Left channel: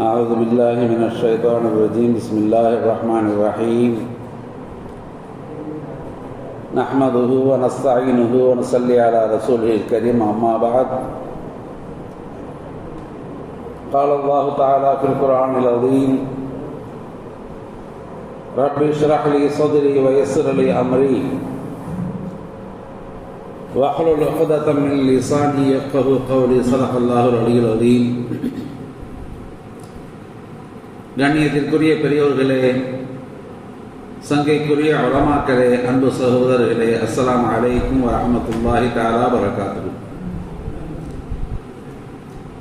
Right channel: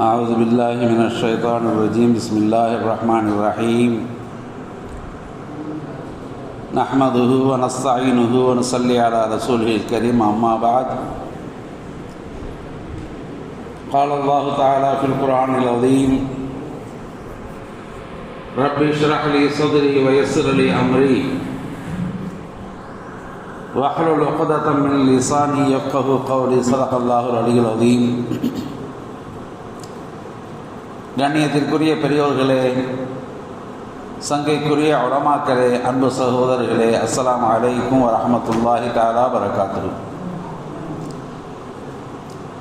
أعوذ بالله من الشيطان الرجيم. بسم الله الرحمن الرحيم. نحمده ونستعينه ونصلي على رسوله الكريم. أما بعد قال الله تعالى في القرآن العظيم رب اشرح لي صدري ويسر لي أمري. واحلل عقدة من لساني يفقه قولي صدق الله العلي العظيم கண்ணியத்திற்குரிய பெரியோர்களே சங்கைக்குரிய உலமாக்களே அன்பு சகோதரர்களே அஸ்ஸலாமு அலைக்கும் வரஹமத்துல்லாஹி தாலா வரகாத்து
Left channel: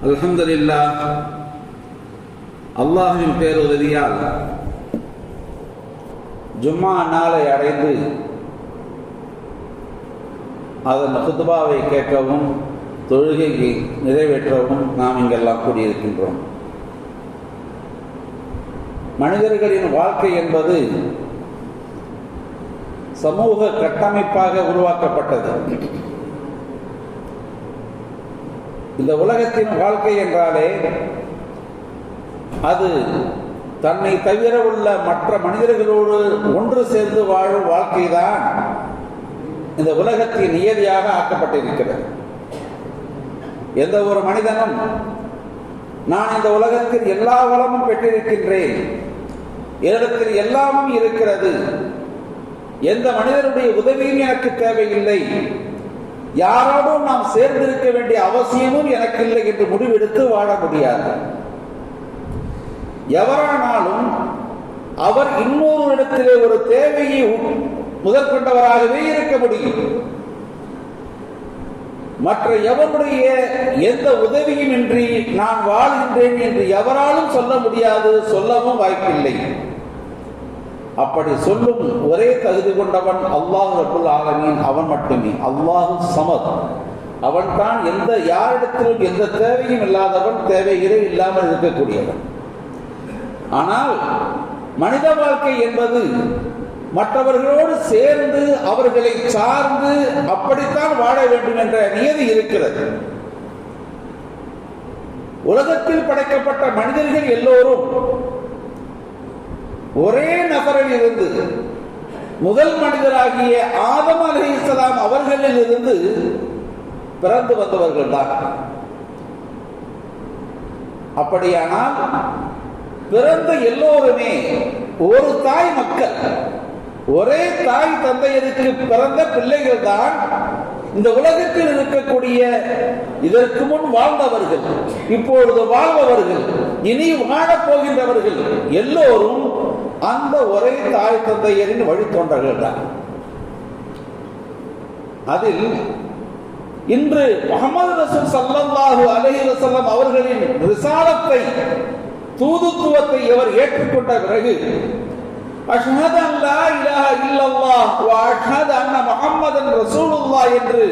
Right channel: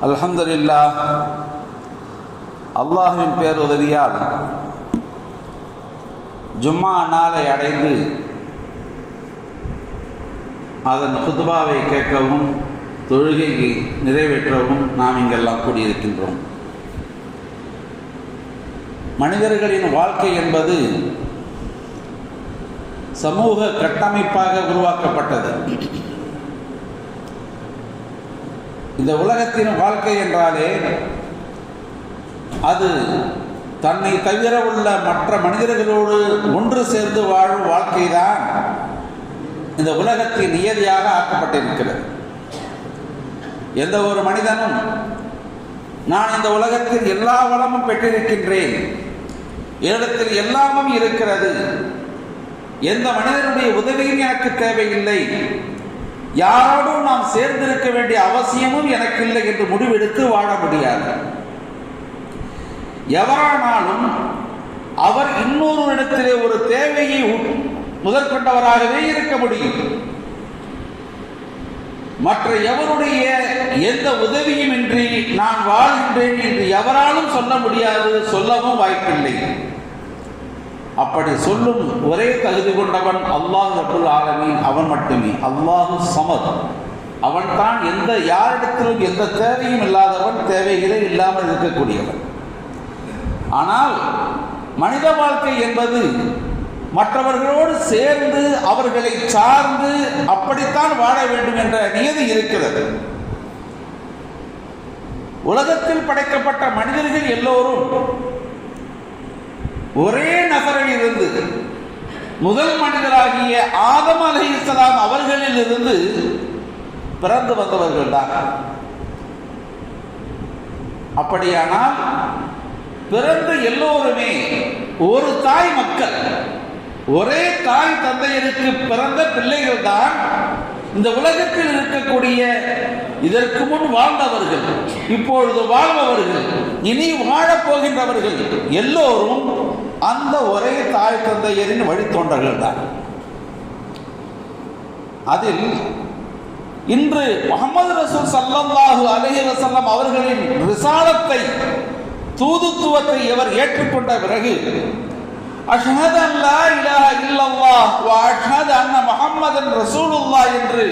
அல்ஹம்துலில்லாஹ் அல்லாஹ்வின் பேருதவியால் ஜும்மா நாளை அடைந்து அதன் ஹுத்பாவை கேட்கவும் தொழுகையை நிறைவேற்றவும் நாம் இங்கெல்லாம் கூடியிருக்கின்றோம். மனிதர்களின் வாழ்க்கை என்பது சமூக கட்டமைப்பாக உருவாக்கப்பட்டது. இந்த உலகத்தின் வாழ்க்கை என்றாலே அது தன்னை தவிர உள்ள மற்ற மனிதர்களோடு ஒன்று சேர்ந்து வாழும் வாழ்க்கைதான். இந்த உலகத்தின் நியதியாக ஆக்கப்பட்டிருக்கிறது. எந்த ஒரு மனிதனும் நான் இந்த உலகத்தில் எல்லா வளமும் பெற்றிருக்கின்றேன். என்னிடத்தில் எல்லாமும் இருக்கிறது. எந்த மனிதனுடைய உதவியும் எனக்கு தேவையில்லை. யாரோடும் நாம் சேர்ந்திருக்க வேண்டிய அவசியமும் எனக்கு இல்லை என்று முடிவெடுத்து வாழ முடியாது. எவரானாலும் அவர் இன்னொரு இடத்திலே ஒரு தேவையை முதற்கொண்டவராகவே இருக்க முடியும். மற்ற எவருடைய எந்த உதவியும் இன்றி நான் வாழ்கின்றேன் என்று எவராலும் சொல்ல முடியாது சொல்லவும் வாய்ப்பில்லை. அப்படி சொல்லும் ஒரே தகுதி கொண்டவன் அல்லாஹ் அபுல் ஆலமீன். அவன் மட்டுமே. அல்லாஹு சமத். அவன் தான் எந்த யாரிடத்திலும் எந்த தேவையும் இல்லாதவன் தேவைகளே இல்லாமல் இருக்கக்கூடியவன். ஆனால் மனித வாழ்க்கை என்பது மற்றவர்களோடு சேர்ந்து அவர்களை சார்ந்து அப்படித்தான் வாழ வேண்டும் என்ற நியதி இருக்கிறது. உலகத்தில் படைக்கப்பட்ட மனிதர்கள் எல்லோரும் ஒரே நகரில் இருந்து முதல் மனிதராகிய ஆதம் அலி இஸ்லாம் அவர்களில் இருந்து பிறந்து வந்தவர்கள் தான். அப்படியானால் பிறந்த எல்லோருமே ஒரு தாய் மக்கள். ஒரே தாய் தந்தையருக்கு பிறந்த பிள்ளைகள் தான் இந்த உலகத்தில் இருக்கக்கூடிய இதற்கு முன் வாழ்ந்தவர்கள் இப்பொழுது வாழ்பவர்கள் இனி வாழப் போகின்றவர்கள் எல்லோரும் அந்த ஒரே தாய் தந்தையரின் வழித்தொண்டர்கள் தான் அதில் இன்று முகமது ரசூல் சல்லல்லாஹு அலஹி வசல்லம் அவர்களின் ரிசானத்தை தூதுத்துவத்தை இவர் ஏற்றுக்கொண்ட பிறகு அஷ்ஹது அல்லா இலாஹ இல்லல்லாஹ் வ அஷ்ஹது அன்ன முஹம்மதன் ரசூலுல்லாஹ் என்று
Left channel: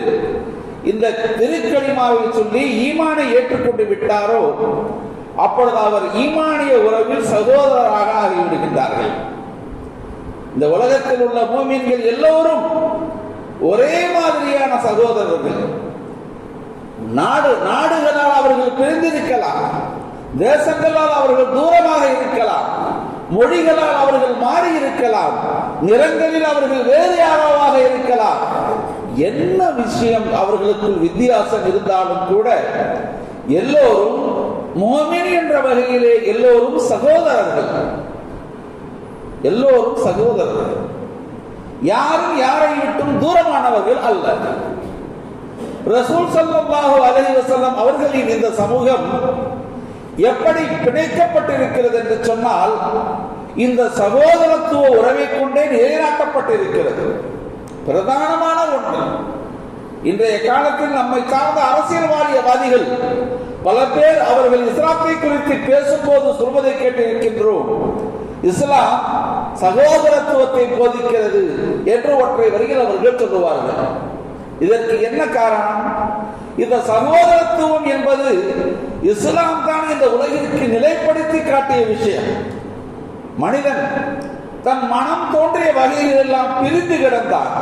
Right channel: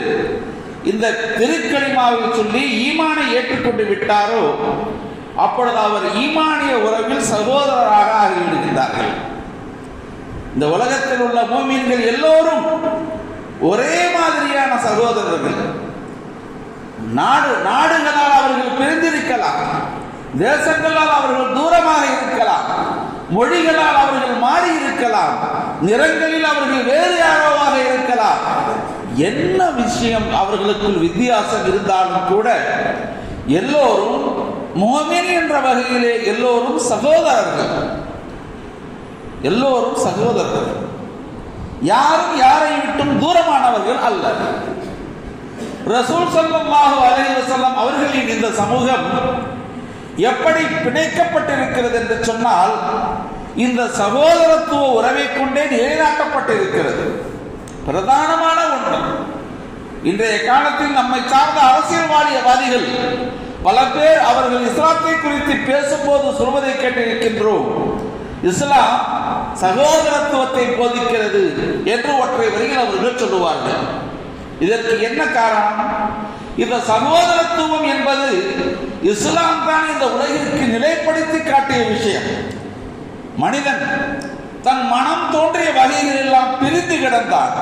இந்த திருக்கலிமாவை சொல்லி ஈமானை ஏற்றுக்கொண்டு விட்டாரோ அப்பொழுது அவர் ஈமானிய உறவில் சகோதரராக ஆகிவிடுகின்றார்கள். இந்த உலகத்தில் உள்ள பூமியன்கள் எல்லோரும் ஒரே மாதிரியான சகோதரர்கள். நாடு நாடுகளால் அவர்கள் பிரிந்திருக்கலாம். தேசங்களால் அவர்கள் தூரமாக இருக்கலாம். மொழிகளால் அவர்கள் மாறி இருக்கலாம் நிறங்களில் அவர்கள் வேறு யாரோவாக இருக்கலாம். என்ன விஷயம் அவர்களுக்குள் வித்தியாசம் இருந்தாலும் கூட எல்லோரும் முகமின் என்ற வகையிலே எல்லோரும் சகோதரர்கள். எல்லோரும் சகோதரர்கள். யாரும் யாரை விட்டும் தூரமானவர்கள் அல்ல. ரசூல் ஸல்லல்லாஹு அலைஹி அவர்களின் இந்த சமூகம் எப்படி பிணைக்கப்பட்டிருக்கிறது என்று சொன்னால் இந்த சகோதரத்துவ உறவை கொண்டே நிலைநாட்டப்பட்டிருக்கிறது. பிரதானமான ஒன்று. இன்றைய காலத்தில் நம்மை சார்ந்த அரசியல்வாதியவாதிகள் பல பேர் அவர்கள் இஸ்லாத்தை குறித்து பேசும்போது சொல்வதை கேட்டிருக்கின்றோம். இஸ்லாம் சகோதரத்துவத்தை போதிக்கிறது என்று ஒற்றை வரியில் அவர்கள் சொல்லுவார்கள். இதற்கு என்ன காரணம்? இந்த சகோதரத்துவம் என்பது இஸ்லாம் இந்த உலகிற்கு நிலைப்படுத்தி காட்டிய விஷயம். மனிதன் தன் மனம் தோன்றிய வகையில் எல்லாம் பிரிந்து கிடந்தான்.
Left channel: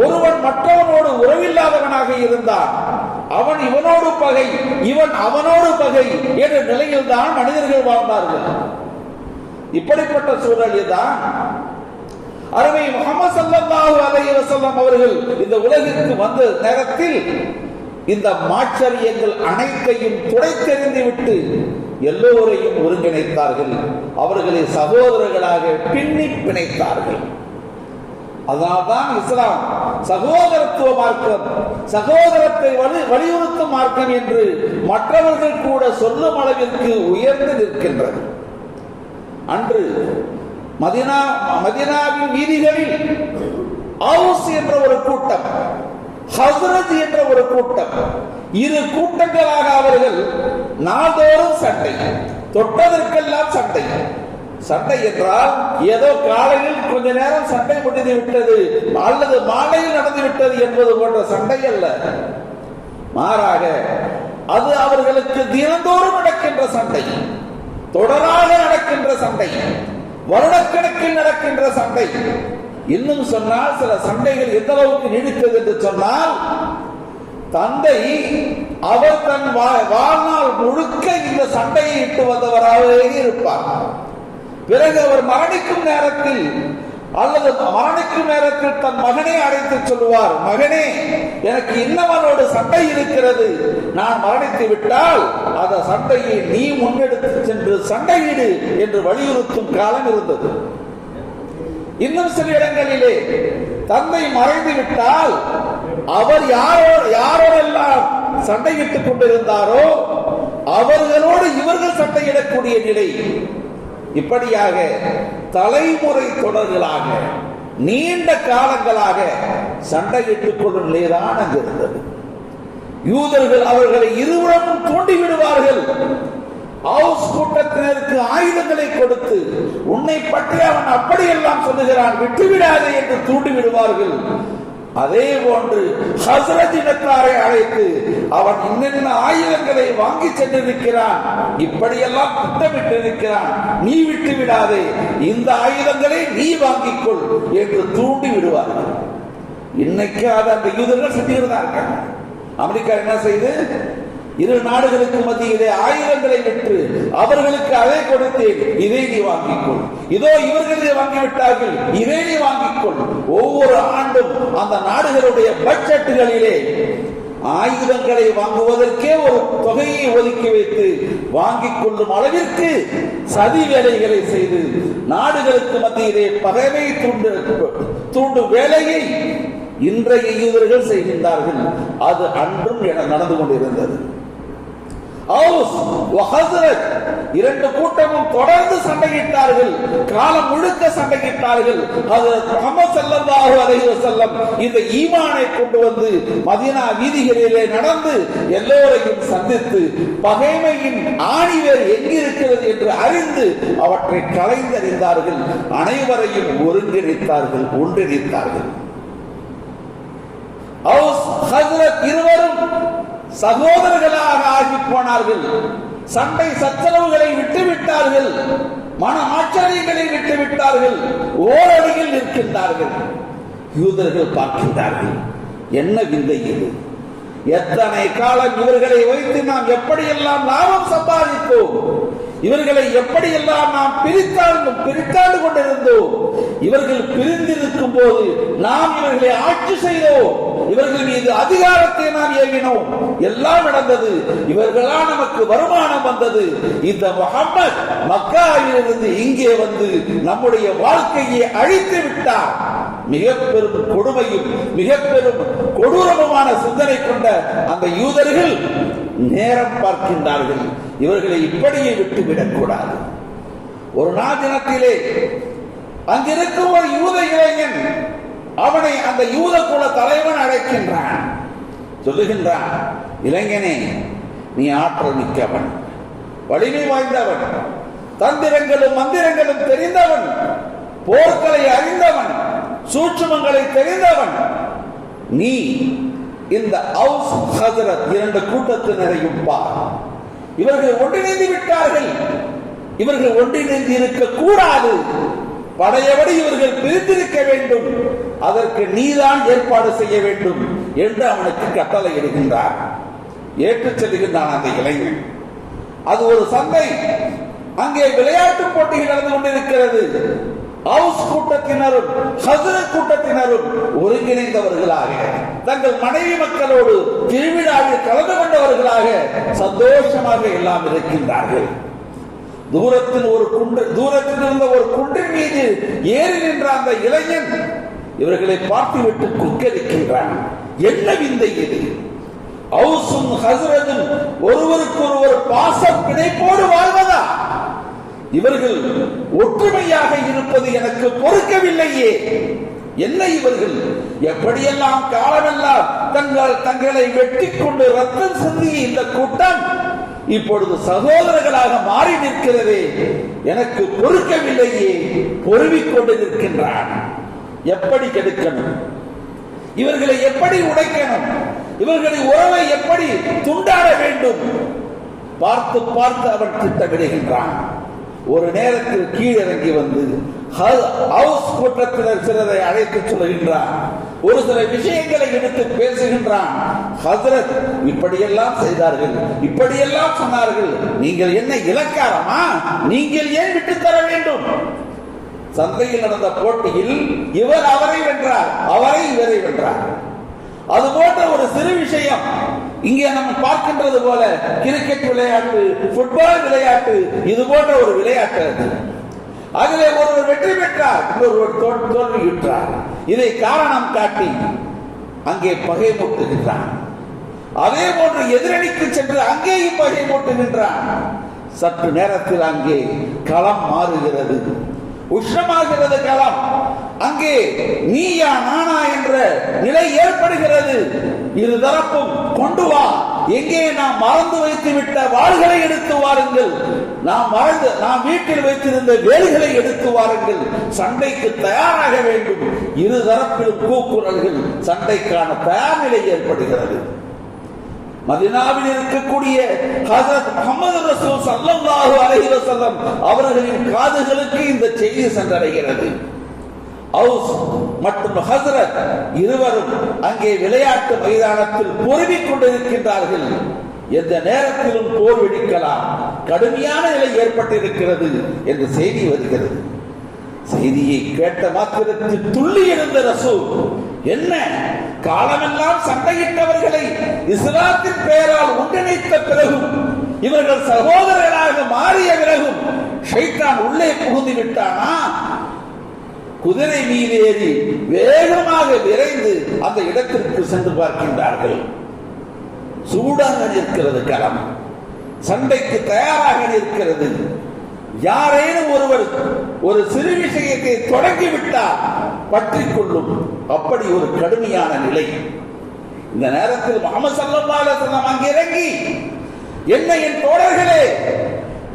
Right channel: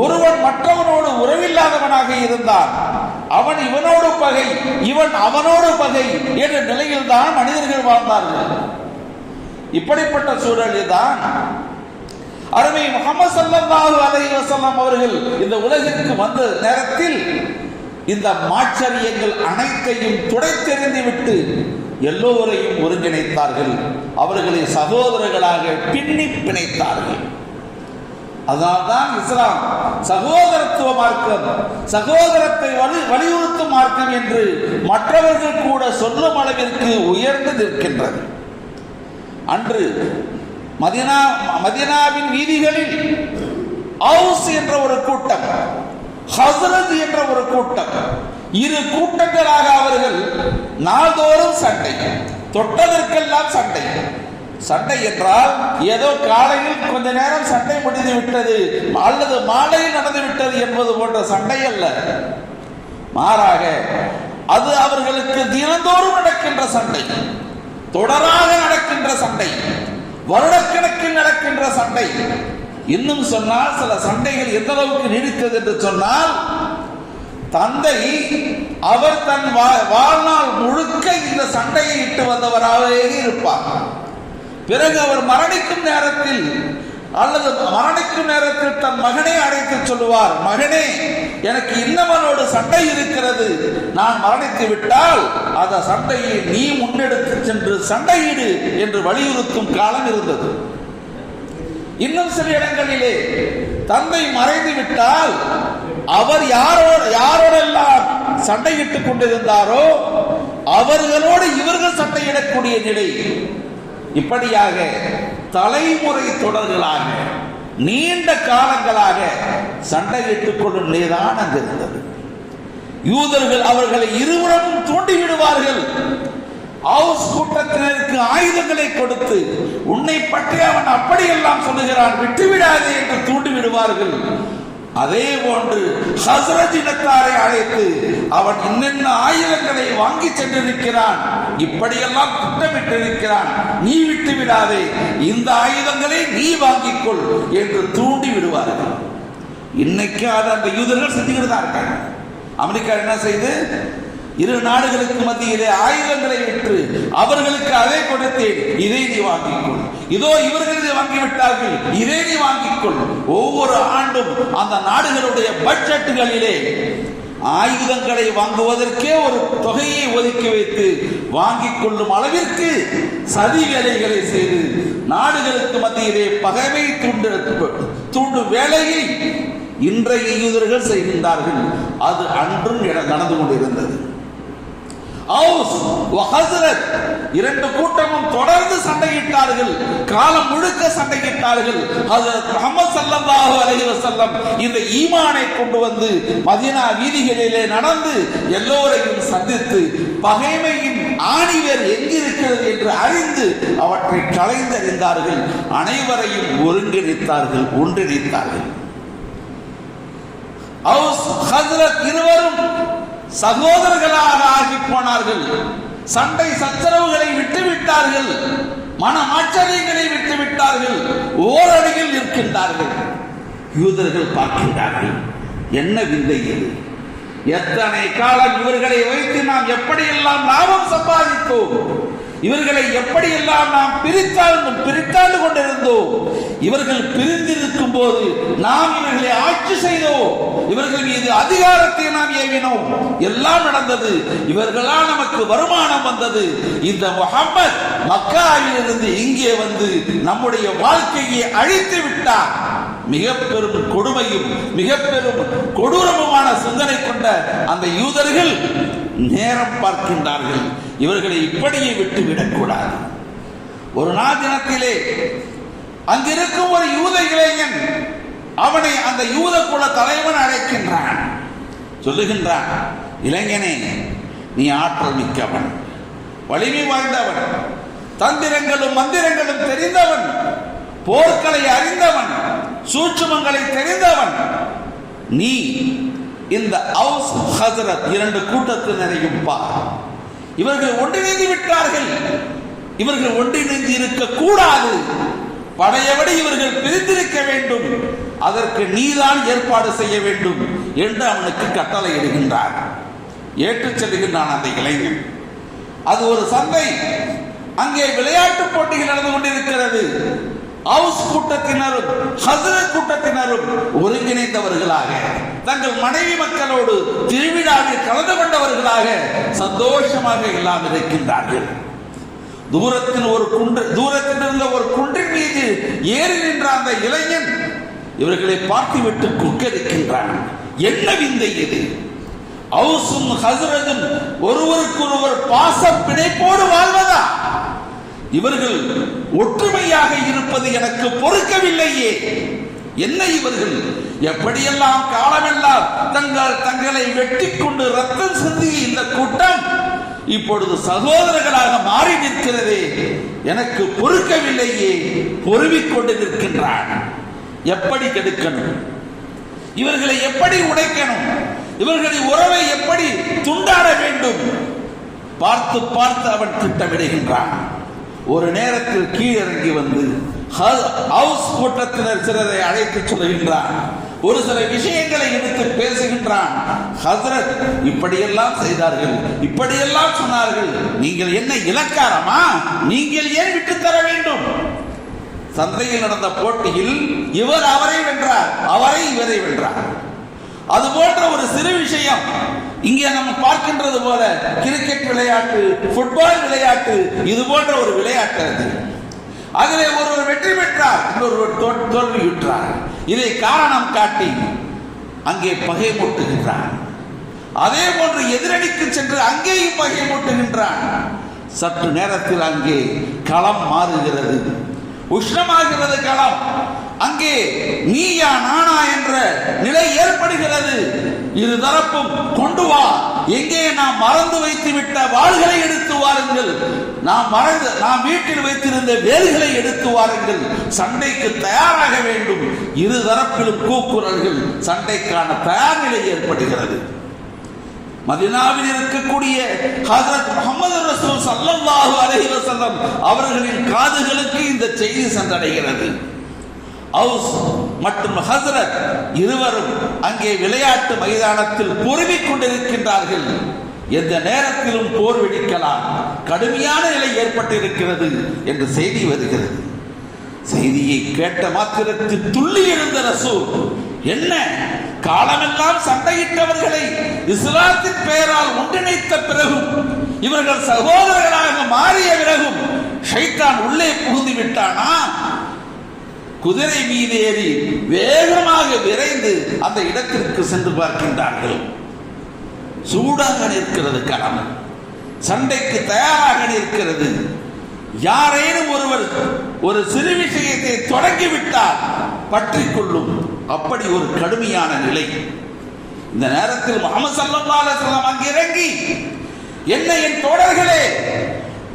ஒருவன் மற்றவனோடு உறவில்லாதவனாக இருந்தான். அவன் இவனோடு பகை இவன் அவனோடு பகை என்ற நிலையில் தான் மனிதர்கள் வாழ்ந்தார்கள். இப்படிப்பட்ட சூழலில் தான் அருமை முகமது ஸல்லல்லாஹு அலைஹி அவர்கள் இந்த உலகிற்கு வந்த நேரத்தில் இந்த மாச்சரியங்கள் அனைத்தையும் துடைத்தெறிந்து விட்டு எல்லோரையும் ஒருங்கிணைத்தார்கள். அவர்களை சகோதரர்களாக பின்னி பிணைத்தார்கள். அதனால்தான் இஸ்லாம். சகோதரத்துவ மார்க்கம் சகோதரத்தை வலி வலியுறுத்தும் மார்க்கம் என்று மற்றவர்கள் கூட சொல்லும் அளவிற்கு உயர்ந்து நிற்கின்றது. அன்று மதினா மதினாவின் வீதிகளில் அவுஸ் என்ற ஒரு கூட்டம் ஹசரத் என்ற ஒரு கூட்டம். இரு கூட்டங்களாக அவர்கள் நாள்தோறும் சண்டை. தொட்டதற்கெல்லாம் சண்டை. சண்டை என்றால் ஏதோ காலையில் கொஞ்ச நேரம் சண்டை முடிந்து விட்டது அல்லது மாலையில் நடந்து விட்டது என்பது போன்ற சண்டை அல்ல. மாறாக அது அவர்களுக்கு தினந்தோறும் நடக்கின்ற சண்டை. தொடராக நடக்கின்ற சண்டை. வருடக்கணக்கில் நடக்கின்ற சண்டை. இன்னும் சொன்னால் சில சண்டைகள் எந்த அளவுக்கு நீடித்தது என்று சொன்னால் தந்தை அவர் தன் வாழ்நாள் முழுக்க இந்த சண்டையை இட்டு வந்தவராகவே இருப்பார். பிறகு அவர் மரணிக்கும் நேரத்தில் அல்லது மரணிக்கும் நேரத்தில் தன் மகனை அழைத்து சொல்லுவார் மகனே எனக்கு இன்னவனோடு சண்டை இருக்கிறது. நான் மரணித்து விட்டால் அந்த சண்டையை நீ முன்னெடுத்து சென்று சண்டையிடு என்று வலியுறுத்தும் காலம் இருந்தது. இன்னும் சில இடங்களிலே தந்தை மறைந்து விட்டால் அவர் யாரோட யாரோடெல்லாம் சண்டையிட்டுக் கொண்டிருந்தாரோ அவர்களோடு இவர்கள் சண்டையிடக்கூடிய நிலை இப்படியாக தலைமுறை தொடர்களாக நீண்ட காலங்களாக சண்டையிட்டுக் கொள்ளும் நிலைதான் அங்கு இருந்தது யூதர்கள் அவர்களை இருவரும் தூண்டி விடுவார்கள் ஹவுஸ் கூட்டத்தினருக்கு ஆயுதங்களை கொடுத்து உன்னை பற்றி அவன் அப்படியெல்லாம் சொல்லுகிறான் விட்டுவிடாதே என்று தூண்டி விடுவார்கள் அதே போன்று ஹசரத் இனத்தாரை அழைத்து அவன் இன்னென்ன ஆயுதங்களை வாங்கி சென்றிருக்கிறான் இப்படியெல்லாம் திட்டமிட்டு நீ விட்டு விடாதே இந்த ஆயுதங்களை நீ வாங்கிக் கொள் என்று தூண்டி விடுவார்கள் இன்னைக்கு அது அந்த யூதர்கள் செஞ்சுக்கிட்டு தான் இருக்காங்க. அமெரிக்கா என்ன செய்து? இரு நாடுகளுக்கு மத்தியிலே ஆயுதங்களை விற்று அவர்களுக்கு அதை கொடுத்தேன். இதை நீ வாங்கிக்கொள். இதோ இவர்கள் வாங்கிவிட்டார்கள். இதை நீ வாங்கிக்கொள். ஒவ்வொரு ஆண்டும் அந்த நாடுகளுடைய பட்ஜெட்டுகளிலே ஆயுதங்களை வாங்குவதற்கே ஒரு தொகையை ஒதுக்கி வைத்து வாங்கிக் கொள்ளும் அளவிற்கு சதி வேலைகளை செய்து நாடுகளுக்கு மத்தியிலே பகைமை தூண்டு தூண்டும் வேலையை இன்றைய யூதர்கள் செய்கின்றார்கள். அது அன்றும் நடந்து கொண்டிருந்தது. இரண்டு கூட்டமும் தொடர்ந்து சண்டையிட்டார்கள். காலம் முழுக்க சண்டையிட்டார்கள். அது முகமது ஸல்லல்லாஹு அலைஹி வஸல்லம் இந்த ஈமானை கொண்டு வந்து மதீனா வீதிகளிலே நடந்து எல்லோரையும் சந்தித்து பகைமையின் ஆணிவர் எங்கிருக்கிறது என்று அறிந்து அவற்றை களைந்தறிந்தார்கள். அனைவரையும் ஒருங்கிணைத்தார்கள் ஒன்றிணைத்தார்கள் அவுஸ் ஹஸ்ரத் இருவரும் சகோதரர்களாக ஆகி போனார்கள் சண்டை சச்சரவுகளை விட்டுவிட்டார்கள். மன ஆச்சரியங்களை விட்டுவிட்டார்கள். ஓரடியில் நிற்கின்றார்கள். யூதர்கள் பார்க்கின்றார்கள். என்ன விந்தை இது? எத்தனை காலம் இவர்களை வைத்து நாம் எப்படியெல்லாம் லாபம் சம்பாதித்தோம்? இவர்களை எப்படியெல்லாம் நாம் பிரித்தாலும் பிரித்தாண்டு கொண்டிருந்தோம் இவர்கள் பிரிந்திருக்கும் போது நாம் இவர்களை ஆட்சி செய்தோம் இவர்கள் மீது அதிகாரத்தை நாம் ஏவினோம். எல்லாம் நடந்தது இவர்களால் நமக்கு வருமானம் வந்தது. இந்த முகம்மது மக்காவிலிருந்து இங்கே வந்து நம்முடைய வாழ்க்கையை அழித்து விட்டார். மிக பெரும் கொடுமையும் மிக பெரும் கொடூரமுமான சிந்தனை கொண்ட அந்த யூதர்கள் நேரம் பார்க்கின்றார்கள். இவர்களை இப்படியே விட்டு விடக்கூடாது ஒரு நாள் தினத்திலே அங்கிருக்கும் ஒரு யூத இளைஞன் அவனை அந்த யூத குல தலைவன் அழைக்கின்றான். சொல்லுகின்றான் இளைஞனே நீ ஆற்றல் மிக்கவன் வலிமை வாய்ந்தவன் தந்திரங்களும் மந்திரங்களும் தெரிந்தவன் போர்க்களை அறிந்தவன் சூட்சுமங்களை தெரிந்தவன். நீ இந்த அவுஸ் ஹசரத் இரண்டு கூட்டத்தினரையும் பார் இவர்கள் ஒன்றிணைந்து விட்டார்கள். இவர்கள் ஒன்றிணைந்து இருக்க கூடாது. படையபடி இவர்கள் பிரித்திருக்க வேண்டும். அதற்கு நீதான் ஏற்பாடு செய்ய வேண்டும் என்று அவனுக்கு கட்டளை இடுகின்றார் ஏற்றுச் செல்கின்றான் அந்த இளைஞன். அது ஒரு சந்தை. அங்கே விளையாட்டு போட்டிகள் நடந்து கொண்டிருக்கிறது. அவுஸ் கூட்டத்தினரும் ஹசர கூட்டத்தினரும் ஒருங்கிணைந்தவர்களாக தங்கள் மனைவி மக்களோடு திருவிழாவில் கலந்து கொண்டவர்களாக சந்தோஷமாக எல்லாம் இருக்கின்றார்கள். தூரத்தில் ஒரு குன்று தூரத்தில் இருந்த ஒரு குன்றின் மீது ஏறி நின்ற அந்த இளைஞன் இவர்களை பார்த்துவிட்டு குக்கரிக்கின்றான் என்ன விந்தை இது? அவுசும் ஹசுரதும் ஒருவருக்கு ஒருவர் பாச பிணைப்போடு வாழ்வதா? இவர்கள் ஒற்றுமையாக இருப்பது எனக்கு பொறுக்கவில்லையே. என்ன இவர்கள்? எப்படியெல்லாம் காலமெல்லாம் தங்கள் தங்களை வெட்டி கொண்டு ரத்தம் சிந்திய இந்த கூட்டம் இப்பொழுது சகோதரர்களாக மாறி நிற்கிறதே. எனக்கு பொறுக்கவில்லையே. பொறுவிக் கொண்டு நிற்கின்றான். எப்படி கெடுக்கணும்? இவர்களை எப்படி உடைக்கணும்? இவர்களை உறவை எப்படி துண்டாட வேண்டும்? பார்த்து பார்த்து அவன் திட்டமிடுகின்றான். ஒரு நேரத்தில் கீழிறங்கி வந்து ஹவுஸ் கூட்டத்தினர் சிலரை அழைத்து சொல்லுகின்றான். ஒரு சில விஷயங்களை எடுத்து பேசுகின்றான். ஹசரத் இப்படியெல்லாம் செய்தார்கள் இப்படியெல்லாம் சொன்னார்கள். நீங்கள் என்ன இலக்காரமா? நீங்கள் ஏன் விட்டு தர வேண்டும்? சந்தையில் நடந்த போட்டியில் இவர் அவரை வென்றார் அவரை இவரை வென்றார். அது போன்ற ஒரு சிறு விஷயம். இங்கே நம்ம பார்க்கின்றது போல கிரிக்கெட் விளையாட்டு ஃபுட்பால் விளையாட்டு இது போன்ற ஒரு விளையாட்டு அது. அதிலே ஒருவர் வெற்றி பெற்றார் இன்னொருவர் தோல்வியுற்றார். இதை காரணம் காட்டி அங்கே பகை மூட்டுகின்றார். அதே போன்று எதிரணிக்கு சென்று அங்கேயும் பகை மூட்டுகின்றான் சற்று நேரத்தில் அங்கே களம் மாறுகிறது. உஷ்ணமாகிறது களம். அங்கே நீயா நானா என்ற நிலை ஏற்படுகிறது. இரு தரப்பும் கொண்டு வா. எங்கே நாம் மறந்து வைத்து விட்ட வாள்களை எடுத்து வாருங்கள். நாம் மறந்து நாம் வீட்டில் வைத்திருந்த வேலைகளை எடுத்து வாருங்கள். சண்டைக்கு தயாராக வேண்டும். இரு தரப்பிலும் கூக்குரல்கள் சண்டைக்கான தயார் நிலை ஏற்படுகிறது. மதினாவில் இருக்கக்கூடிய ஹசரத் முகமது ரசூல் ஸல்லல்லாஹு அலைஹி வஸல்லம் அவர்களின் காதுகளுக்கு இந்த செய்தி சென்றடைகிறது. அவுஸ் மற்றும் ஹசரத் இருவரும் அங்கே விளையாட்டு மைதானத்தில் பொறுமிக் கொண்டிருக்கின்றார்கள். எந்த நேரத்திலும் போர் வெடிக்கலாம். கடுமையான நிலை ஏற்பட்டிருக்கிறது என்று செய்தி வருகிறது. செய்தியை கேட்ட மாத்திரத்தில் துள்ளி எழுந்த ரசூல் என்ன? காலமெல்லாம் சண்டையிட்டவர்களை இஸ்லாத்தின் பெயரால் ஒன்றிணைத்த பிறகும் இவர்கள் சகோதரர்களாக மாறிய பிறகும் ஷைத்தான் உள்ளே புகுந்து விட்டானா? குதிரை மீதேறி வேகமாக விரைந்து அந்த இடத்திற்கு சென்று பார்க்கின்றார்கள். சூடாக நிற்கிறது களம் சண்டைக்கு தயாராக நிற்கிறது. யாரேனும் ஒருவர் ஒரு சிறு விஷயத்தை தொடங்கிவிட்டால் பற்றி கொள்ளும் அப்படி ஒரு கடுமையான நிலை. இந்த நேரத்தில் முகமது ஸல்லல்லாஹு அலைஹி அங்கே இறங்கி என்ன என் தோழர்களே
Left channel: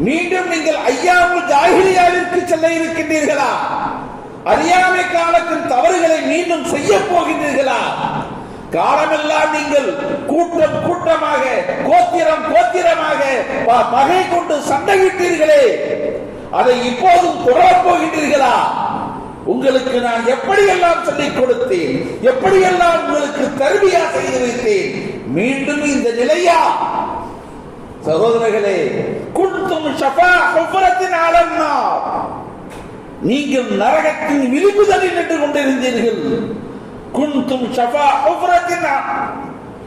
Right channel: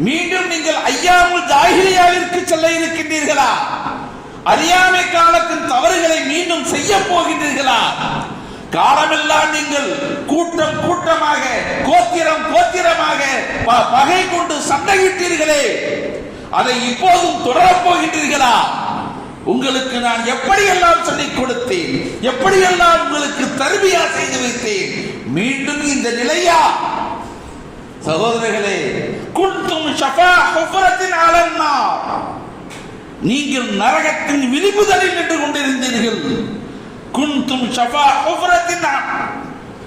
மீண்டும் நீங்கள் ஐயாவுல் ஜாகிரியாவிற்கு செல்ல இருக்கின்றீர்களா? அறியாமை காலத்தின் தவறுகளை மீண்டும் செய்ய போகின்றீர்களா? காலமெல்லாம் நீங்கள் கூட்டம் கூட்டமாக கோத்திரம் கோத்திரமாக பகை கொண்டு சண்டையிட்டீர்களே. அதை இப்போதும் தொடரப் போகின்றீர்களா? உங்களுக்கு நான் எப்படியெல்லாம் சொல்லிக் கொடுத்தேன்? எப்படியெல்லாம் உங்களுக்கு தருவியா செய்து வைத்தேன்? மீண்டும் இந்த நிலையா? சகோதரர்களே குண்டும் ஷஃபா ஹுஃபரத்தின் அலன்னார் நீங்கள் நரகத்தின் விளிம்புதலில் நின்று கொண்டிருந்தீர்கள் குந்தும் ஷபா உபரத்தின்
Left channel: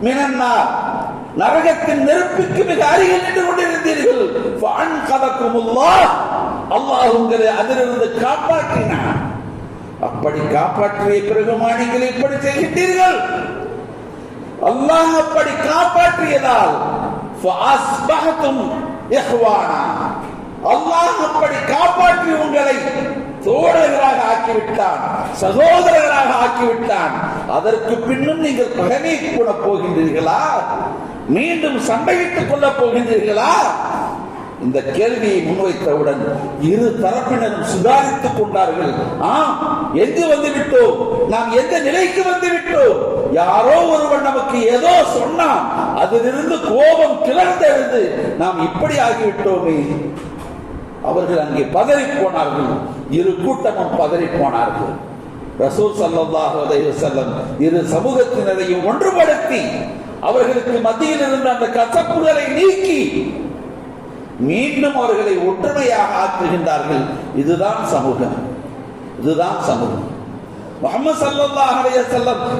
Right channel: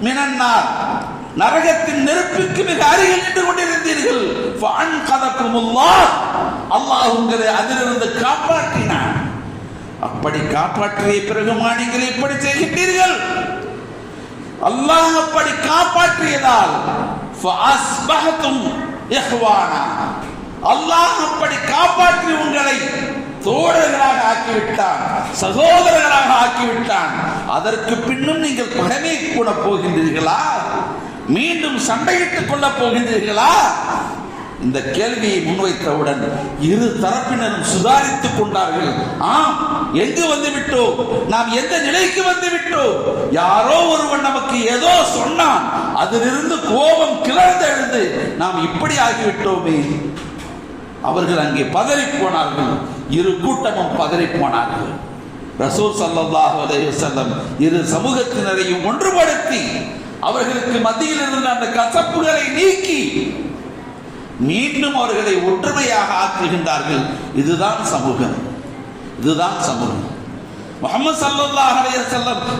மினன்னா. நரகத்தின் நெருப்புக்கு மிக அருகில் நின்று கொண்டிருந்தீர்கள் வான் கதக்குமுல்லா அல்லாஹ் உங்களை அதிலிருந்து காப்பாற்றினான். அப்படி காப்பாற்றிய பிறகுமா நீங்கள் இப்படி செய்கின்றீர்கள்? அல்லாஹ் அப்படி காப்பாற்றியதால் அல்லாஹ் அப்படி காப்பாற்றி உங்களை தோழர்களாக ஆக்கிவிட்டான் சகோதரர்களாக ஆக்கிவிட்டான். அதற்கு பின்னும் நீங்கள் பகமை கூட போகின்றீர்களா? மீண்டும் சண்டையிட்டுக் கொள்ள போகின்றீர்களா? இந்த கேள்வியை முன்வைத்தவுடன் இரு தரப்பினரும் சுதாரித்துக் கொண்டார்கள். ஆம் எங்கு வந்து விட்டோம் நாம் எந்த நிலைக்கு வந்து விட்டோம் யாரோ ஒருவன் நமக்கு ஏதோ சொன்னான். அதிலிருந்து கோபம் கிளர்ந்து எழுந்து நாம் இப்படி ஆகிவிட்டோமே. அவர்கள் அங்கே பதறி போனார்கள் இரு கூட்டமும் பதறி போனார்கள் ரசூல் சல்லாஹ் அலைஹி இரு சமூகத்தினரையும் ஒன்றுபடுத்தி அவர்களுக்கு மத்தியில் இருந்த அந்த கசப்புகளை நீக்கி மீண்டும் அவர்களை ஒற்றுமையாக ஆக்குகின்றார்கள். இதுதான் சமூகம். இதுதான் சமூகம். முகமது சல்லாஹ் அலைஹி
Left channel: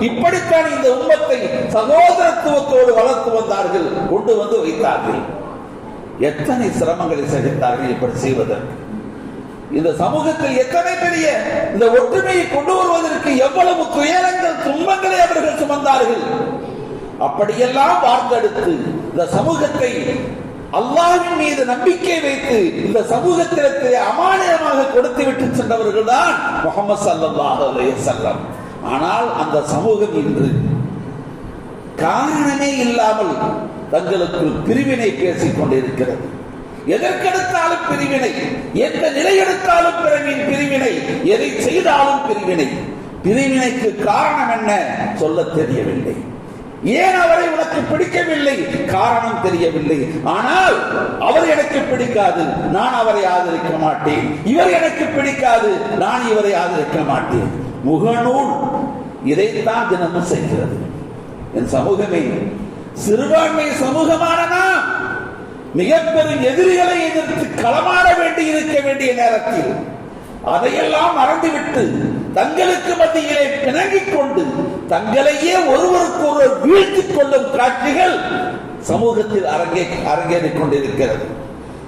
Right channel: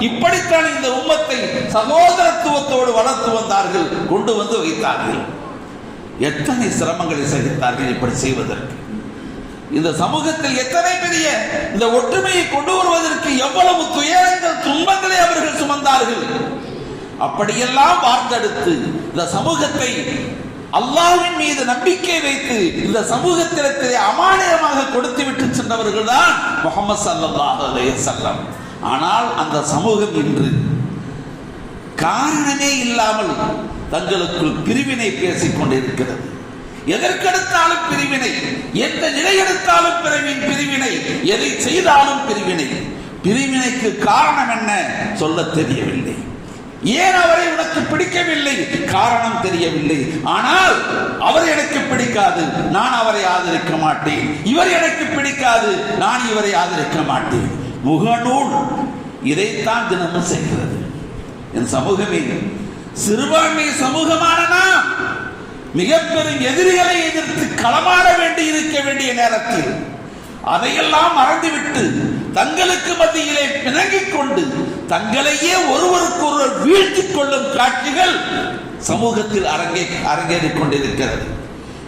இப்படித்தான் இந்த உம்மத்தை சகோதரத்துவத்தோடு வளர்த்து வந்தார்கள் கொண்டு வந்து வைத்தார்கள். எத்தனை சிரமங்களை சகித்தார்கள் இப்படி செய்வதற்கு? இந்த சமூகத்தில் எத்தனை பெரிய இந்த ஒற்றுமையை கொண்டு வருவதற்கு எவ்வளவு துயரங்கள் துன்பங்களை அவர்கள் சுமந்தார்கள்? அப்படியெல்லாம் வார்த்தெடுத்து இந்த சமூகத்தை அல்லாவின் மீது நம்பிக்கை வைத்து இந்த சமூகத்திலே அமானியமாக கொடுத்து விட்டு சென்றவர்கள் தான் முகமது சல்லல்லாஹு அலைஹி ஆனால் அந்த சமூகம் இன்று காரணமே இல்லாமல் தங்களுக்குள் பிரிவினை பேசிக் கொண்டிருக்கிறது எதற்கெடுத்தாலும் பிரிவினை எந்த நிலை எடுத்தாலும் பிறவின் பிரிவினை எதை செய்தாலும் பிரிவினை. பிரிவினைக்கு காரணம் என்ன சொல்ல தெரியவில்லை. ஏன் அவரை உனக்கு பிடிக்கவில்லை? காரணம் தெரியவில்லை. ஆனால் அவர் எனக்கு பிடிக்காது. நான் அவரை ஆதரிக்க மாட்டேன். இவர் எனக்கு பிடிக்காது. நான் இவரை ஆதரிக்க மாட்டேன். முகநூல் இதைத்தான் தினமும் செய்கிறது. என் சமூகமே சிறுபான்மை சமூகமான நாம் மிகப்பெரும் எதிரிகளை எதிர்த்து களமாட வேண்டி இருக்க வேண்டிய நேரத்தில் அதையெல்லாம் மறந்துவிட்டு தங்களுக்கு மத்தியிலே பிணங்கிக் கொண்டு தங்களையே ஒருவருக்கொருவர் வீழ்த்திக் கொள்ளும் காட்சிகள் சமூகத்தில் அரங்கே அரங்கேறிக் கொண்டிருக்கிறது.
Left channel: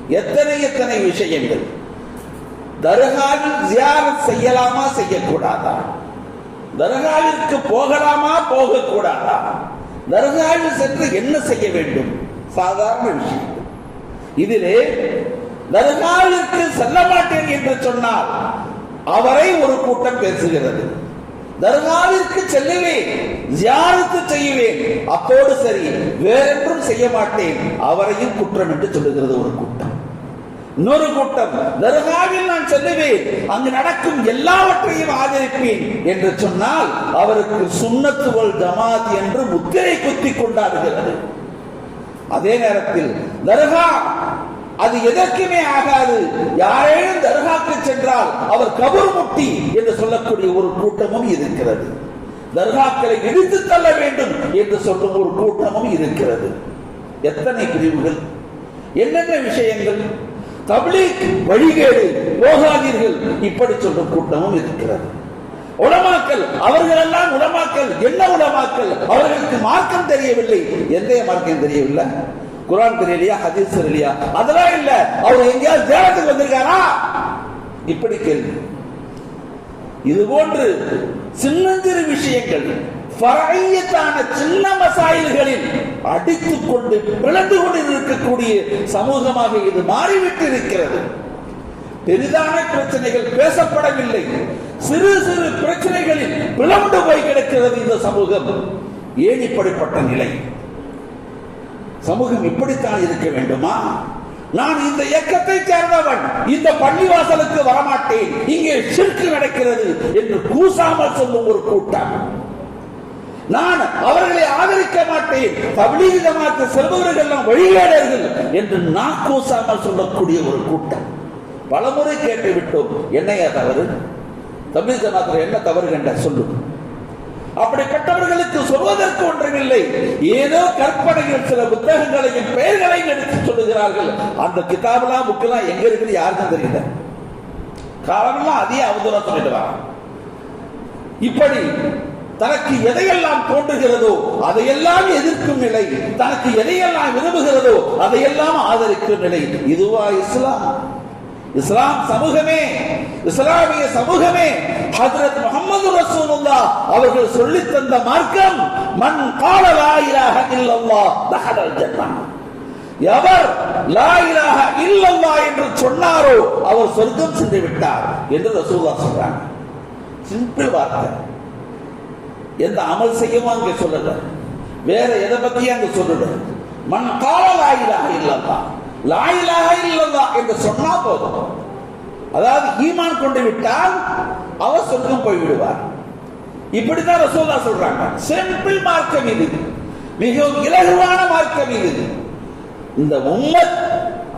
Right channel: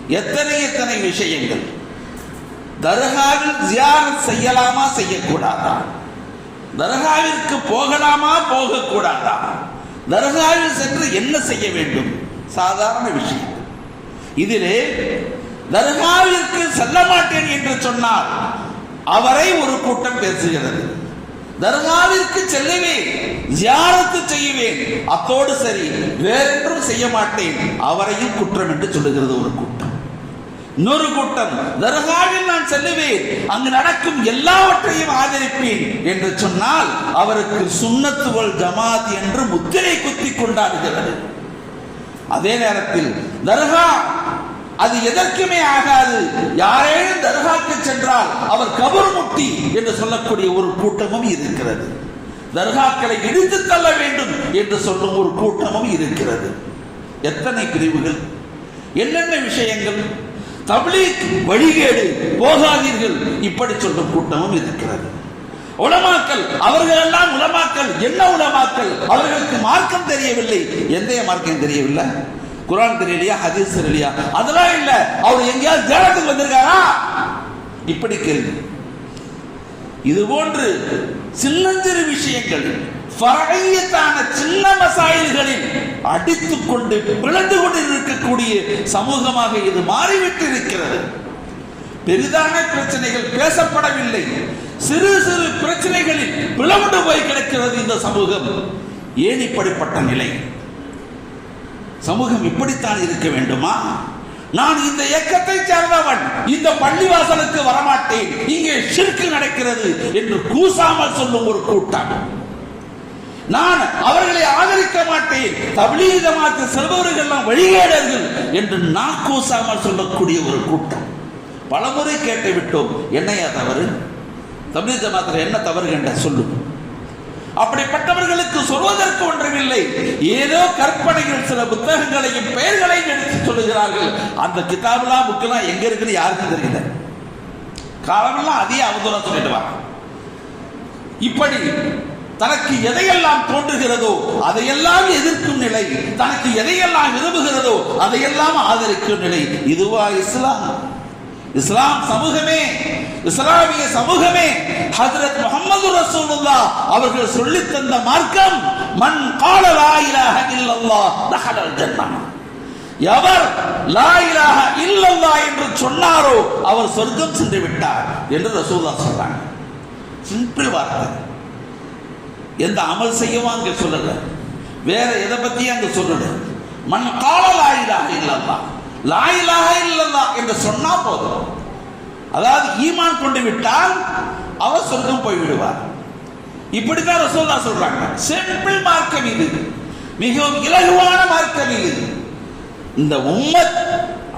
எத்தனை எத்தனை விஷயங்கள். தர்காவில் ஜியாரத் செய்யலாமா செய்யக்கூடாதா? தர்காவிற்கு போகலாமா போகக்கூடாதா? தர்காவில் சென்று என்ன செய்ய வேண்டும்? சாதாரண விஷயம். இதிலே தர்காவிற்கு செல்ல மாட்டேன் என்று சொன்னால் அவரை ஒரு கூட்டம் பேசுகிறது. தர்காவிற்கு செல்லுவேன் ஜியாரத்து செய்யுவேன் அத்தோடு சரி வேறென்றும் செய்ய மாட்டேன். அவரையும் குற்றம் என்று சொல்லுகிறது ஒரு கூட்டம். இன்னொரு கூட்டம் தர்காவில் நான் செல்லுவேன். அங்கு நடக்கும் எல்லாவற்றையும் ஆதரிப்பேன் என்று சொன்னால் அவருக்கு சுண்ணத்துவல் ஜமாத் என்று முத்திரை குத்தி கொண்டாடுகிறது. அதே நேரத்தில் தர்கா அது எதற்குமே ஆகாது. யாரேனும் தர்காக்கு சென்றால் அவர் கபர் முட்டி என்று சொல்லக்கூடிய ஒரு கூட்டமும் இருக்கிறது. தர்காக்களை இடித்து தள்ள வேண்டும் என்று சொல்லும் ஒரு கூட்டமும் இருக்கிறது. எத்தனை பிரிவுகள்? என்னென்ன விஷயங்கள்? தப்லீக் வழிகேடு போகாதீர்கள். இப்படி சொல்லும் கூட்டமும் இருக்கிறது. உலமாக்கல் அவர்கள் எல்லாம் உலமாக்கல் என்ன உலமாக்கல் அவர்களுக்கு மார்க்கம் தெரியவில்லை. எந்த மார்க்கம் தெரியவில்லை? குரான் தெரியலையா? ஹதீஸ் தெரியலையா? அதெல்லாம் இல்ல. அவர் எங்கேயாவது தியானத்துக்கு வந்திருக்காரா? இப்படி கேள்வி. இது போன்று சின்னஞ்சிறு விஷயங்கள் சின்ன மசாயில்களில் அடித்துக் கொண்டு பிளந்து கொண்டு இருக்கக்கூடிய சமூகமாக இது மாறிவிட்டு இருக்கிறது பெரிதான பிரச்சனைகள் பேசப்படவில்லை. சிறு சிறு பிரச்சனைகளில் பிளந்து போய் கிடக்கிறது இந்த சமூகம். ஏன் இப்படிப்பட்ட நிலை? சமூகம் இப்படித்தான் இருக்க வேண்டுமா? நான் இந்த இயக்கத்தை சேர்ந்தவன் இந்த பள்ளிவாசலுக்கு வரமாட்டேன் இங்கே ஷிர்க்கு நடக்கிறது என்று கூசாமல் சொல்லும் ஒரு கூட்டம். நான் அவர்களை ஆதரிக்க மாட்டேன். தபிலீக ஜமாத்து செல்பவர்கள் வழிகேடர்கள் என்று நான் கூசாமல் சொல்லக்கூடிய ஒரு கூட்டம். பலமுறை கேட்டு விட்டோம் என்னையா தவறு? தபிலீக ஜமாத்தில் என்ன தவறு என்ற சொல்லும் அப்படிப்பட்டவர்களுக்கு சொல்வதற்கு ஒன்றுமில்லை. ஏதோ கற்பனையில் சில புத்தகங்களையும் பெயர்களையும் எடுத்து சொல்லுகிறார்கள். அந்த கிதாபெல்லாம் புக்கெல்லாம் எங்க இருக்குன்னு யாருக்கும் தெரியல. காலமெல்லாம் அதே அவதூறம் சொல்லிடுவாங்க இப்படி தனக்கு எதையெல்லாம் தோன்றுகிறதோ அதையெல்லாம் எதிர்க்கும் நிலை தனக்கு எதையெல்லாம் விரும்புகிறதோ அதையெல்லாம் ஆதரிக்கும் நிலை. இதுவா இஸ்லாம்? இஸ்லாம் சமூகமே இஸ்லாமிய சமூகமே. ஹஜரத் முகமது ரசூலுல்லா அவர்கள் சொல்லி தந்த மார்க்கம் மண் கால லா இலாஹ இல்லல்லாஹ் தஹலல் எவர் லா இலாஹ இல்லல்லாஹ் என்று சொன்னாரோ அவர் சொர்க்கம் சென்று விட்டார் என்று ரசூலுல்லா சொல்றாங்க. சிம்பிள் வார்த்தை. எந்த அமல் செய்யவும் அங்க சொல்லல வேற எதை பத்தியும் அங்க சொல்லல மண் கால லாயிலாக இல்லல்லா லாயிலாக இல்லல்லா என்று சொன்னா போதும். அதாவது ஈமான் கொண்டு விட்டால் அவர் சொர்க்கம் போய் விடுவார். இப்படிதான் ரசூல்லா சொல்றாங்க. சிம்பிள் மார்க்கம் இது. மிகவும் இலகுவான மார்க்கம் இது. இந்த உம்மத்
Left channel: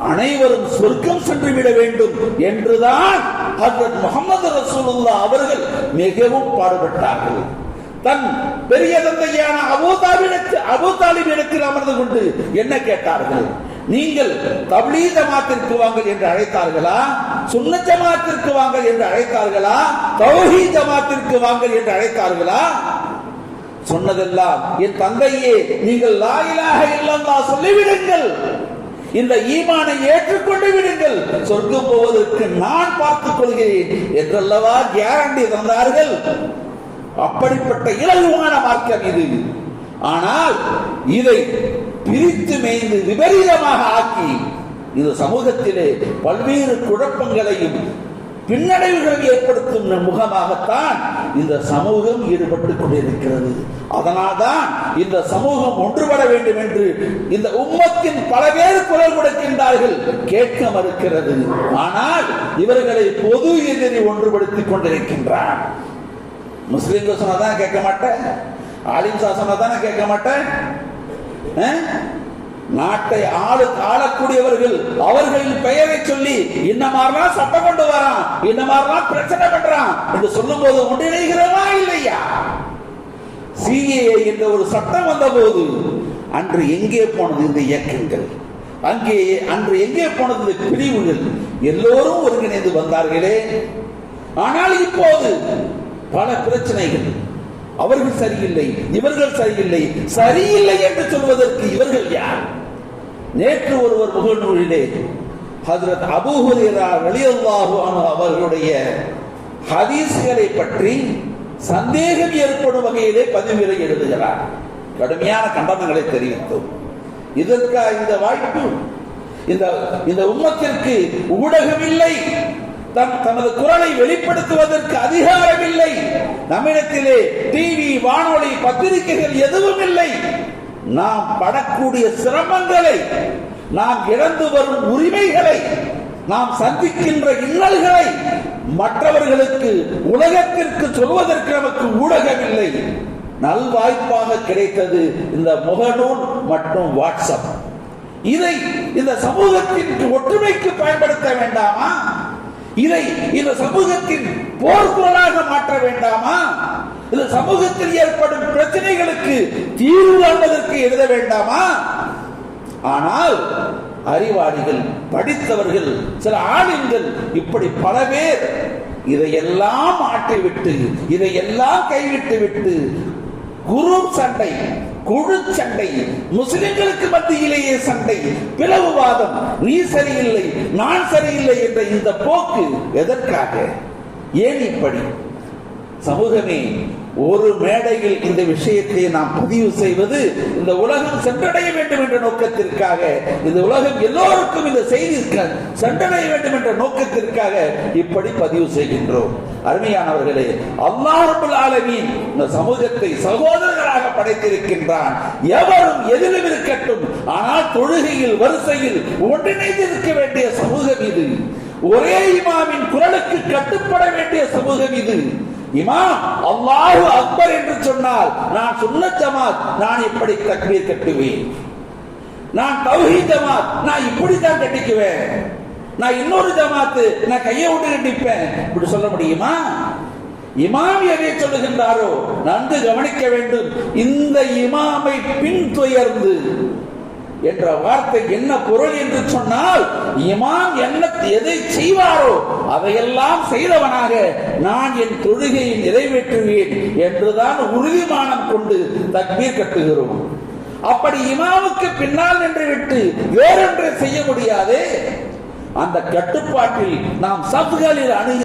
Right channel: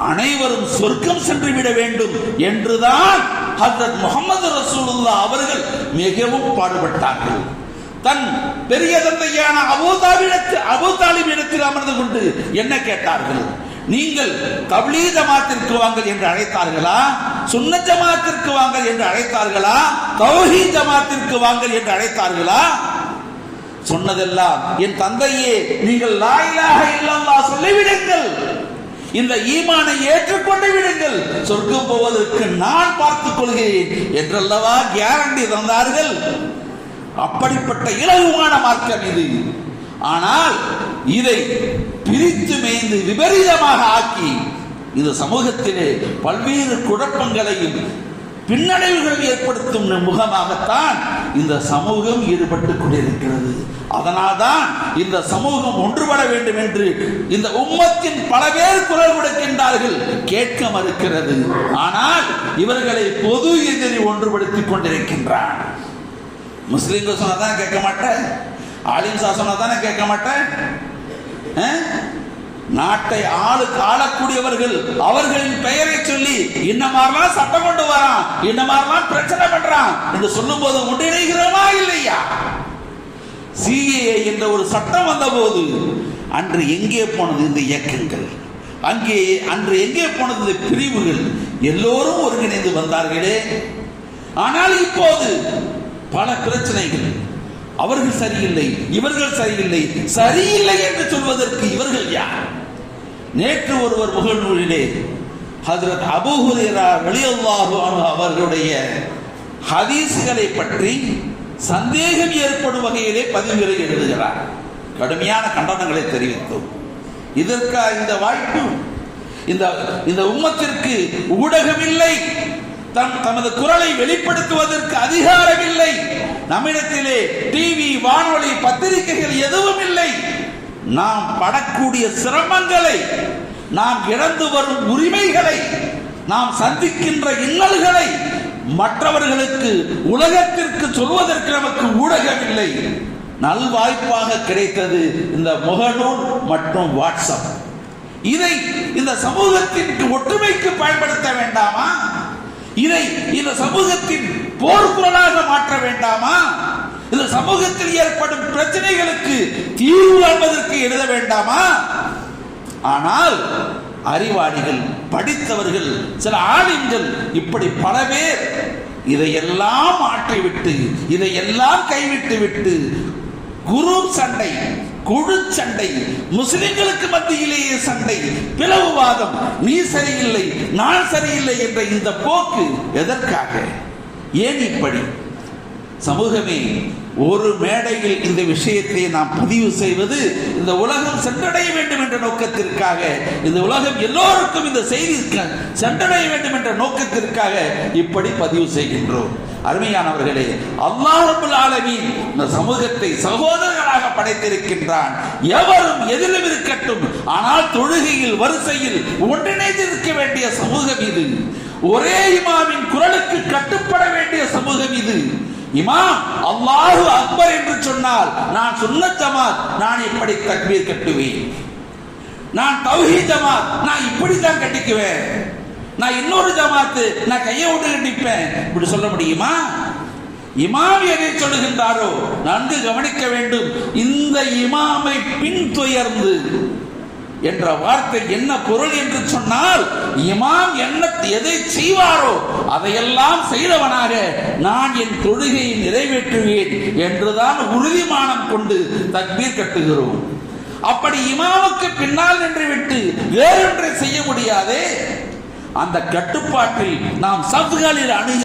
அனைவரும் சொர்க்கம் சென்று விட வேண்டும் என்றுதான் ஹசரத் முகமது ரசூலுல்லா அவர்கள் மிகவும் பாடுபட்டார்கள். தன் பெரிய தந்தையான அபூதாலிடத்தில் அபூதாலிபிடத்தில் அமர்ந்து கொண்டு என்ன கேட்டார்கள்? நீங்கள் தபிலீ ஜமாத்திற்கு வாங்கள் என்று அழைத்தார்களா? சுன்ன ஜமாத்திற்கு வாங்கள் என்று அழைத்தார்களா? தௌஹீ ஜமாத்திற்கு வாங்கள் என்று அழைத்தார்களா? சொன்னதெல்லாம் என் தந்தையே நீங்கள் லாயிலாக இல்லல்லா சொல்லிவிடுங்கள். இந்த ஈமானை ஏற்றுக்கொண்டு விடுங்கள். சொர்க்கம் போவதற்கு நான் பார்த்துக் கொள்கிறேன் என்றல்லவா கேரண்டி தந்தார்கள்? அப்படிப்பட்ட இலகுவான மார்க்கம் இது. ஆனால் இதை பிரித்து மேய்ந்து விபரீதமாக ஆக்கி இது சமூகத்திலே பல்வேறு குழப்பங்களையும் பின்னடைவுகள் ஏற்படுத்தும் முகமாகத்தான் இந்த சமூகம் ஈடுபட்டு கொண்டிருக்கிறது. அதனால்தான் இந்த சமூகம் ஒன்றுபட வேண்டும் என்று இந்த உம்மத்தின் பல பேர் குரல் கொடுக்கின்றார்கள். கேட்க மறுக்கிறது. ஆனால் இவர்களை பொது எதிரி ஒன்றுபடுத்திக் கொண்டிருக்கின்றார். முஸ்லிம்கள் சொன்னதான் கேட்க மாட்டேன். ஆலிம் சா தானே கேட்க மாட்டேன். நாட்டை ஆளுக்கு ஆளக்கூடியவர்கள் அவர்களின் பெயரை சொல்லி இந்த மாதிரிலாம் சட்டம் கொண்டு வரான் இந்த மாதிரிலாம் பிரச்சனை பண்றான் என்று சொல்லும் போது ஒன்றிணைகிறவா இல்லையா? சிஏஏ என்ற ஒரு சட்டம் வந்த போது அன்று எங்கே போனது இந்த இயக்கங்கள்? அங்கே அன்று எங்கே போனது இந்த பிரிவுகள்? எல்லோரும் ஒருங்கிணைந்து வந்தார்களே. ஆனால் இப்போது பல பிரச்சனைகள். அவர்கள் சரியில்லை இவர்கள் சரியில்லை. சரியில்லை என்று சொல்வதற்கு இவர்கள் யார்? நேற்று ஒருவர் முகநூலிலே ஹஜரத் அபூ ஹுரைரா அவர்களுடைய ஹதீசுகளை பற்றி சந்தேகம் ஏற்படும் வகையிலே பதிவுரை எழுதுகிறார். கடுமையான கண்டனங்களை தெரிவித்தோம். இதற்கு இந்த வாய்ப்பு? இந்த இந்த உம்மத்திற்கு ஊடகம் இல்லை தமது குரலை வெளிப்படுத்துவதற்கு அதிகாரம் இல்லை நம்மிடத்திலே டிவி வானொலி பத்திரிகைகள் எதுவும் இல்லை நாம் படக்கூடிய சிரமங்களை நாம் இழந்து வரும் உரிமைகளை நாம் சந்திக்கின்ற இன்னல்களை மற்றவர்களுக்கு உலகத்திற்கு சொல்வதற்கு நமக்கு ஊடகம் இல்லை நல்வாய்ப்பாக கிடைத்தது இந்த முகநூல் மற்றும் வாட்ஸ்அப். இதை இந்த சமூகத்திற்கு ஒற்றுமைக்கு பயன்படுத்த வேண்டாமா? இதை இந்த சமூகத்தின் போர்க்குரலாக மாற்ற வேண்டாமா? இந்த சமூகத்தில் ஏற்படும் பிரச்சனைகளுக்கு தீர்வு காண்பதற்கு எழுத வேண்டாமா? ஆனால் அறிவாளிகள் படித்தவர்கள் சில ஆளுங்கள் இப்படி பல பேர் இதையெல்லாம் ஆற்றிவிட்டு இதையெல்லாம் கைவிட்டு விட்டு குரு சண்டை குழு சண்டை. முஸ்லிம்களுக்கு மத்தியிலேயே சண்டை. பிளவுவாதம். நீ சரியில்லை நான் சரியில்லை என்ற இந்த போக்கு எதற்காக? ஏன் இப்படி? சமூகமே ஒரு மேடையில் இந்த விஷயத்தை நாம் பதிவு செய்வது இந்த உலகம் சென்றடைய வேண்டும் என்ற நோக்கத்திற்காக. இந்த உலகம் எல்லோருக்கும் இந்த செய்தி சென்றடைய வேண்டும் என்ற நோக்கத்திற்காக இப்படி பதிவு செய்கின்றோம். அருமையானவர்களே அல்லாஹ் ரப்பல் ஆலமீன் இந்த சமூகத்தை சகோதர படைத்திருக்கின்றான். எவரும் எதிலும் இருக்கட்டும் ஆனால் தொழுகையில் வரிசையில் ஒன்றிணைந்திருக்க வேண்டிய சமூகம் இது. ஒரே இமாமின் குரலுக்கு கட்டுப்பட வேண்டிய சமூகம் இது. இமாம் அல்லாஹு அக்பர் என்று சொன்னால் நான் சொன்ன ஜமாத் நான் இப்படி தக்பீர் கட்டுவேன். நான் தௌஹி ஜமாத் நான் இப்படி தான் கட்டிக்குவேன். நான் இன்னொரு ஜமாத்து நான் கையை விட்டு கட்டிப்பேன். இப்படி சொல்ல முடியுமா? இமாம் எதை சொல்லுகின்றாரோ நன்கு கவனிக்க வேண்டும். இந்த இமாமை பின்துயர்ந்து என்ற வார்த்தை என்ன பொருள் என்று சொன்னால் இமாம் என்ன எதை செய்வாரோ அதையெல்லாம் செய்தவனாக நான் என் தொழுகையை நிறைவேற்றுவேன் என்றுதான் உறுதிமானம் கொண்டு தக்பீர் கட்டுகிறோம். அப்படி இமாமுக்கு பின்னால் நின்று விட்டு வேறொன்றை செய்ய முடியாதே. அந்த கட்டுப்பாட்டில் நாம் சதுகளில் அணுகி